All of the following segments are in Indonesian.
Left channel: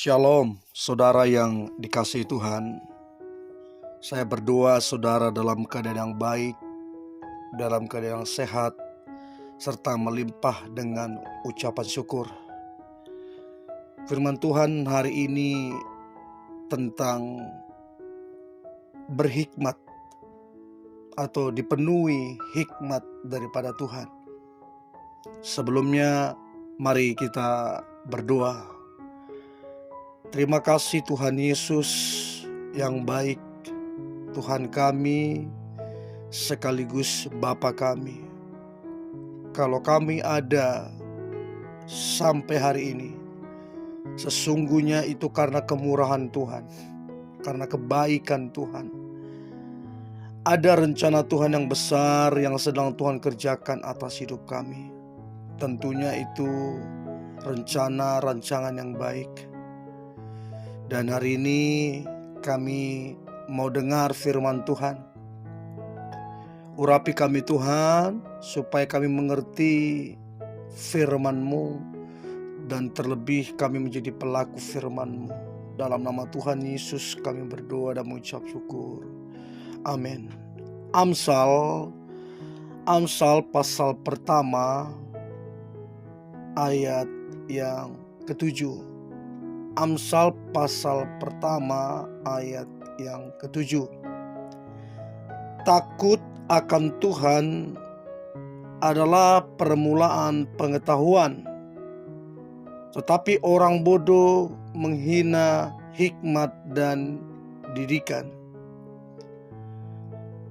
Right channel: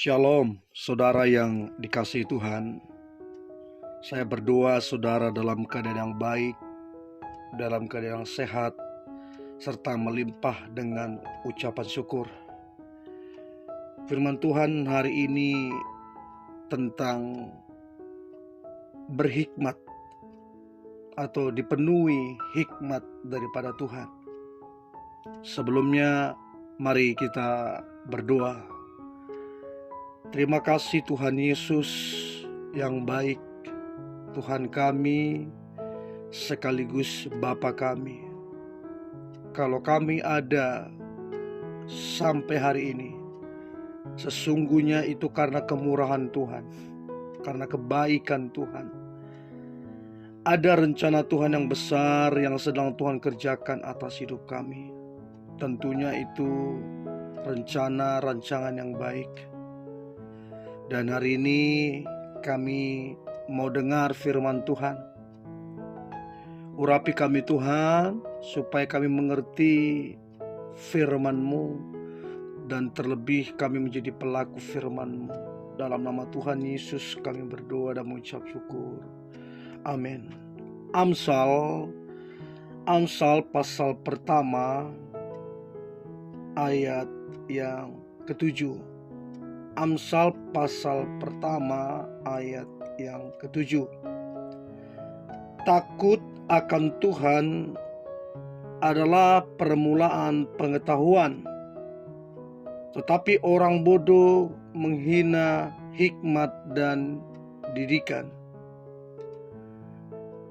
Shalom, saudara yang dikasihi Tuhan. Saya berdoa saudara dalam keadaan yang baik, dalam keadaan yang sehat, serta melimpah dengan ucapan syukur. Firman Tuhan hari ini tentang berhikmat atau dipenuhi hikmat daripada Tuhan. Sebelumnya, mari kita berdoa. Terima kasih Tuhan Yesus yang baik, Tuhan kami sekaligus Bapa kami. Kalau kami ada sampai hari ini, sesungguhnya itu karena kemurahan Tuhan, karena kebaikan Tuhan. Ada rencana Tuhan yang besar yang sedang Tuhan kerjakan atas hidup kami. Tentunya itu rancangan yang baik. Dan hari ini kami mau dengar firman Tuhan. Urapi kami Tuhan, supaya kami mengerti firman-Mu, dan terlebih kami menjadi pelaku firman-Mu. Dalam nama Tuhan Yesus kami berdoa dan mengucap syukur. Amin. Amsal pasal pertama ayat yang ke-7. Amsal pasal pertama ayat yang ke-7. Takut akan Tuhan adalah permulaan pengetahuan, tetapi orang bodoh menghina hikmat dan didikan.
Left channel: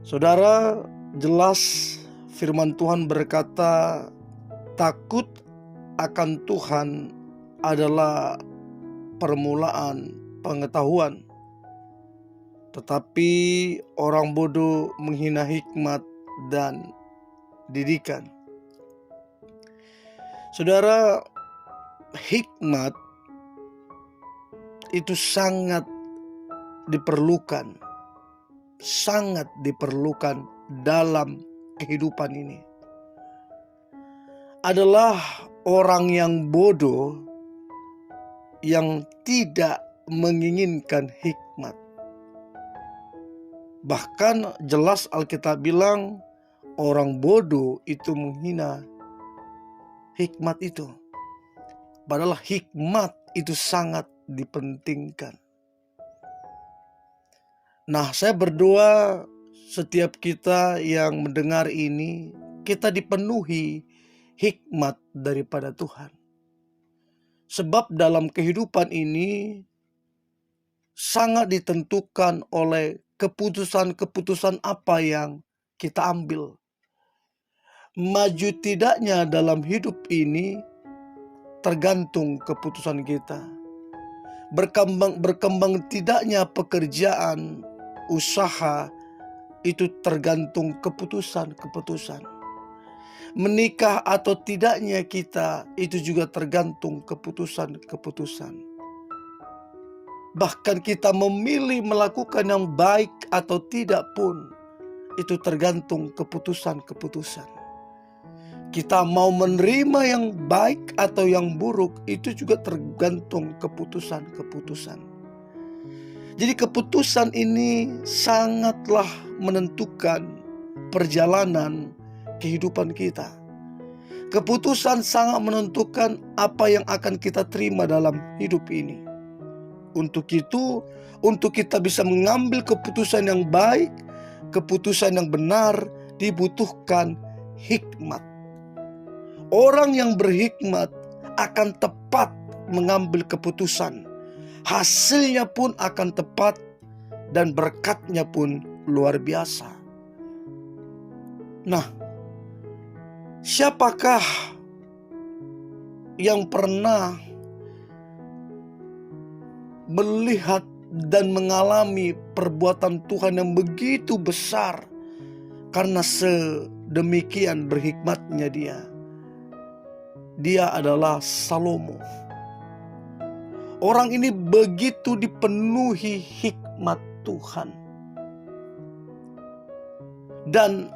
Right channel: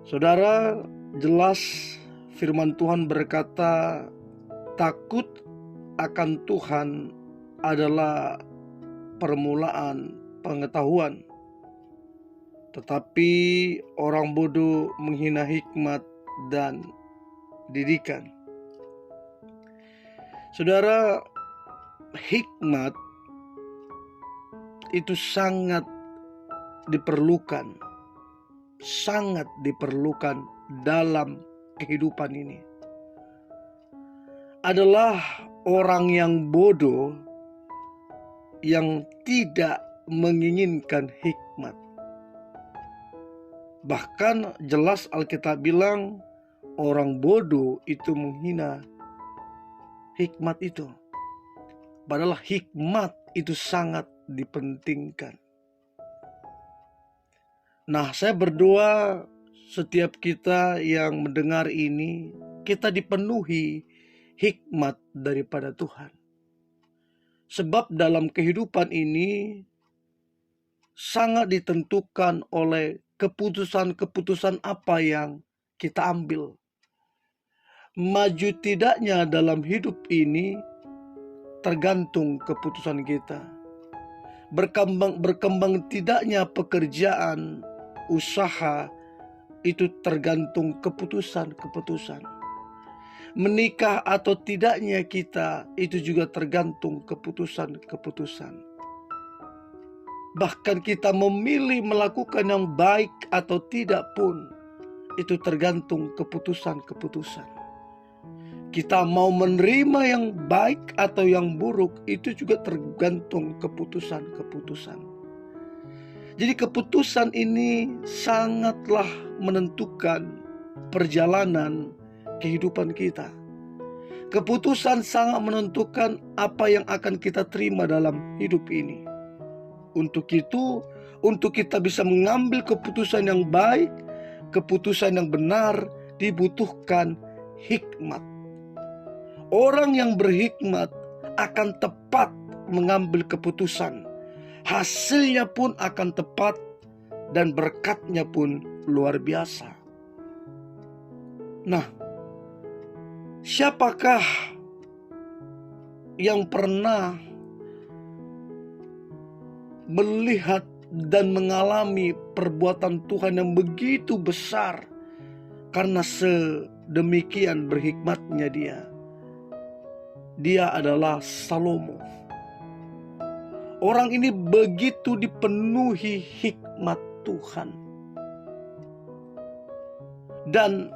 Saudara, jelas firman Tuhan berkata, takut akan Tuhan adalah permulaan pengetahuan, tetapi orang bodoh menghina hikmat dan didikan. Saudara, hikmat itu sangat diperlukan dalam kehidupan ini. Adalah orang yang bodoh yang tidak menginginkan hikmat. Bahkan jelas Alkitab bilang orang bodoh itu menghina hikmat itu. Padahal hikmat itu sangat dipentingkan. Nah, saya berdoa setiap kita yang mendengar ini, kita dipenuhi hikmat daripada Tuhan. Sebab dalam kehidupan ini sangat ditentukan oleh keputusan-keputusan apa yang kita ambil. Maju tidaknya dalam hidup ini tergantung keputusan kita. Berkembang tidaknya pekerjaan, usaha, itu tergantung keputusan-keputusan. Menikah atau tidaknya kita, itu juga tergantung keputusan-keputusan. Bahkan kita memilih melakukan yang baik atau tidak pun, itu tergantung keputusan-keputusan. Kita mau menerima yang baik atau yang buruk, itu juga tergantung keputusan-keputusan. Jadi keputusan ini sangatlah menentukan perjalanan kehidupan kita. Keputusan sangat menentukan apa yang akan kita terima dalam hidup ini. Untuk itu, untuk kita bisa mengambil keputusan yang baik, keputusan yang benar, dibutuhkan hikmat. Orang yang berhikmat akan tepat mengambil keputusan. Hasilnya pun akan tepat dan berkatnya pun luar biasa. Nah, siapakah yang pernah melihat dan mengalami perbuatan Tuhan yang begitu besar karena sedemikian berhikmatnya dia? Dia adalah Salomo. Orang ini begitu dipenuhi hikmat Tuhan. Dan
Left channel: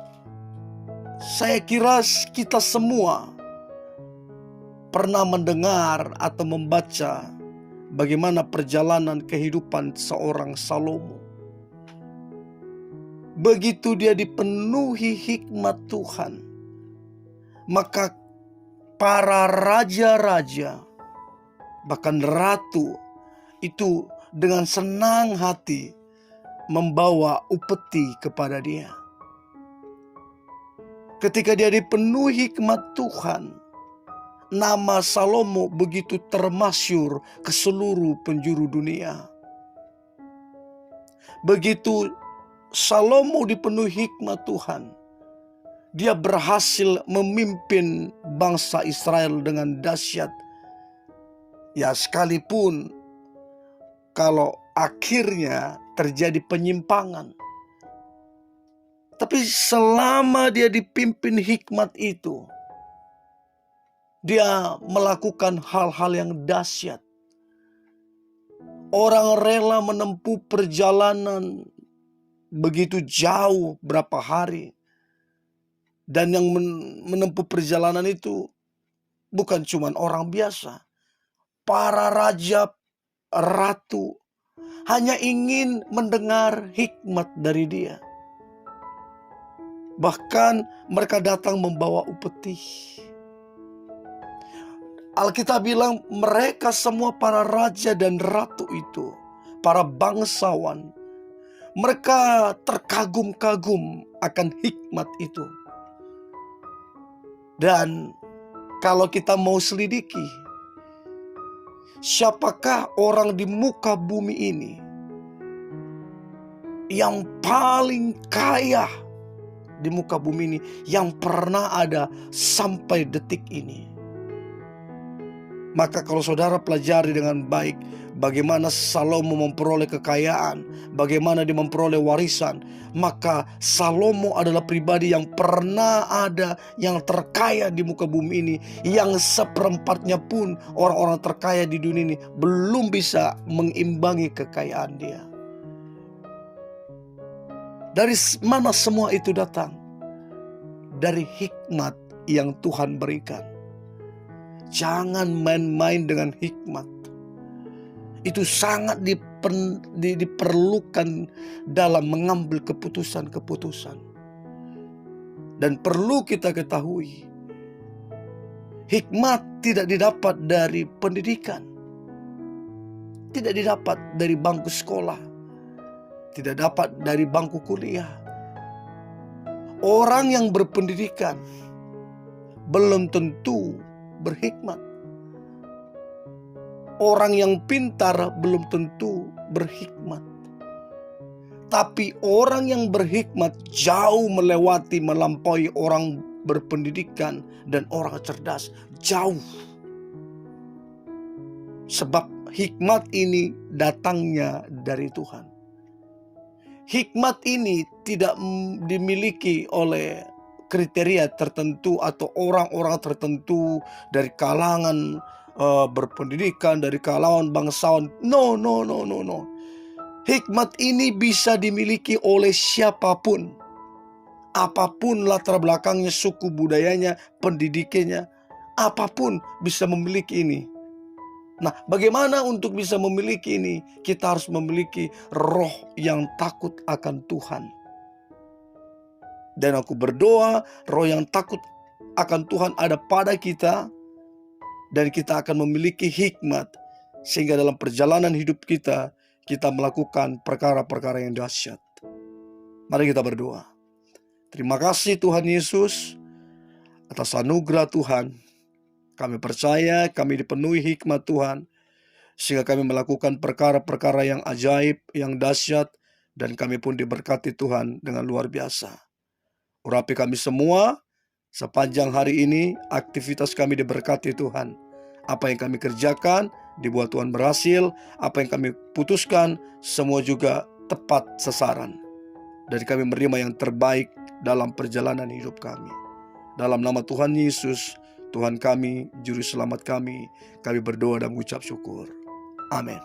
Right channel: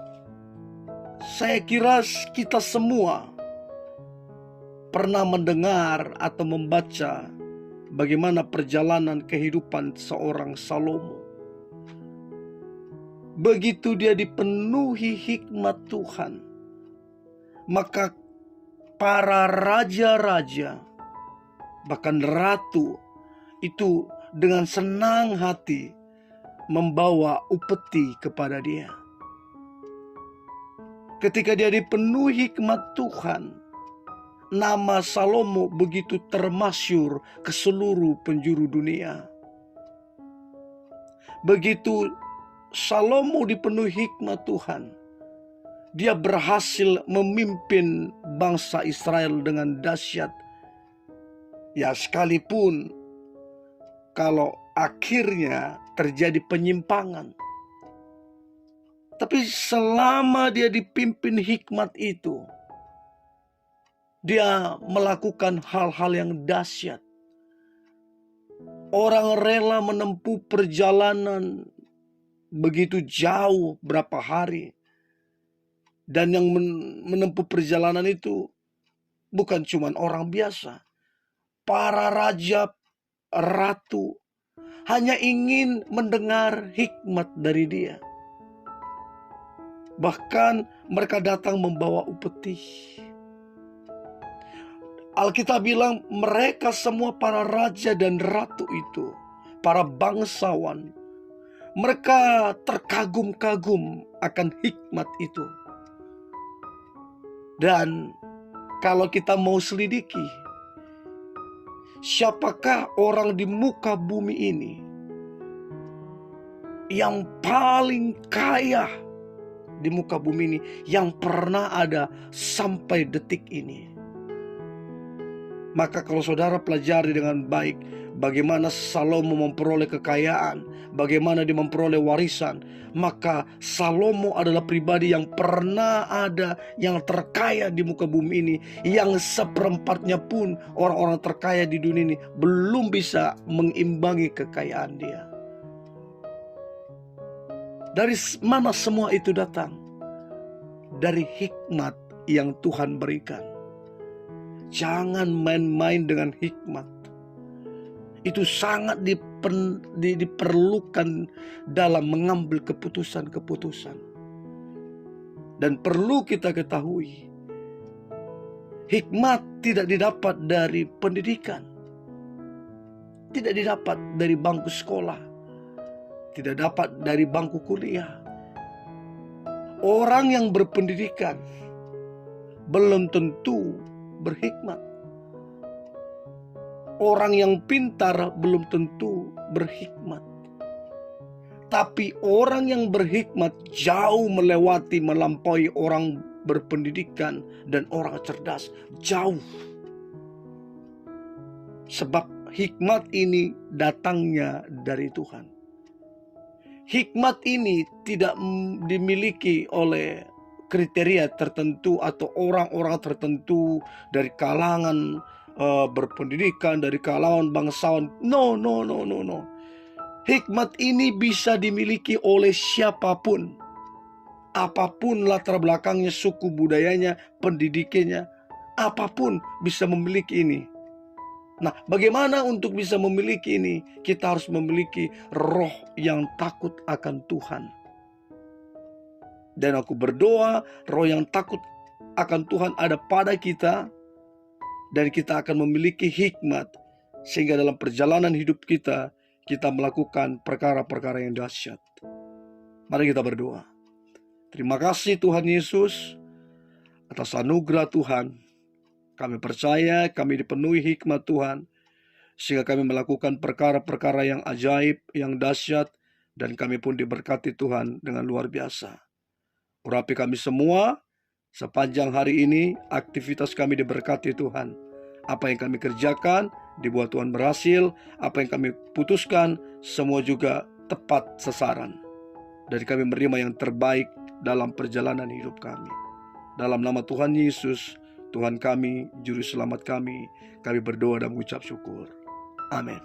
saya kira kita semua pernah mendengar atau membaca bagaimana perjalanan kehidupan seorang Salomo. Begitu dia dipenuhi hikmat Tuhan, maka para raja-raja, bahkan ratu itu dengan senang hati membawa upeti kepada dia. Ketika dia dipenuhi hikmat Tuhan, nama Salomo begitu termasyur ke seluruh penjuru dunia. Begitu Salomo dipenuhi hikmat Tuhan, dia berhasil memimpin bangsa Israel dengan dahsyat. Ya, sekalipun kalau akhirnya terjadi penyimpangan, tapi selama dia dipimpin hikmat itu, dia melakukan hal-hal yang dahsyat. Orang rela menempuh perjalanan begitu jauh berapa hari. Dan yang menempuh perjalanan itu bukan cuma orang biasa. Para raja, ratu hanya ingin mendengar hikmat dari dia. Bahkan mereka datang membawa upeti. Alkitab bilang mereka semua para raja dan ratu itu, para bangsawan, mereka terkagum-kagum akan hikmat itu. Dan kalau kita mau selidiki, siapakah orang di muka bumi ini yang paling kaya di muka bumi ini yang pernah ada sampai detik ini? Maka kalau saudara pelajari dengan baik bagaimana Salomo memperoleh kekayaan, bagaimana dia memperoleh warisan, maka Salomo adalah pribadi yang pernah ada, yang terkaya di muka bumi ini, yang seperempatnya pun orang-orang terkaya di dunia ini belum bisa mengimbangi kekayaan dia. Dari mana semua itu datang? Dari hikmat yang Tuhan berikan. Jangan main-main dengan hikmat. Itu sangat diperlukan dalam mengambil keputusan-keputusan. Dan perlu kita ketahui, hikmat tidak didapat dari pendidikan, tidak didapat dari bangku sekolah, tidak dapat dari bangku kuliah. Orang yang berpendidikan belum tentu berhikmat. Orang yang pintar belum tentu berhikmat. Tapi orang yang berhikmat jauh melampaui orang berpendidikan dan orang cerdas. Jauh. Sebab hikmat ini datangnya dari Tuhan. Hikmat ini tidak dimiliki oleh kriteria tertentu atau orang-orang tertentu dari kalangan berpendidikan, dari kalangan bangsawan. No. Hikmat ini bisa dimiliki oleh siapapun. Apapun latar belakangnya, suku budayanya, pendidikannya, apapun bisa memiliki ini. Nah, bagaimana untuk bisa memiliki ini? Kita harus memiliki roh yang takut akan Tuhan. Dan aku berdoa roh yang takut akan Tuhan ada pada kita. Dan kita akan memiliki hikmat. Sehingga dalam perjalanan hidup kita, kita melakukan perkara-perkara yang dahsyat. Mari kita berdoa. Terima kasih Tuhan Yesus atas anugerah Tuhan. Kami percaya kami dipenuhi hikmat Tuhan. Sehingga kami melakukan perkara-perkara yang ajaib, yang dahsyat. Dan kami pun diberkati Tuhan dengan luar biasa. Urapi kami semua sepanjang hari ini, aktivitas kami diberkati Tuhan. Apa yang kami kerjakan dibuat Tuhan berhasil. Apa yang kami putuskan semua juga tepat sasaran. Dan kami menerima yang terbaik dalam perjalanan hidup kami. Dalam nama Tuhan Yesus, Tuhan kami, Juru Selamat kami berdoa dan mengucap syukur. Amin.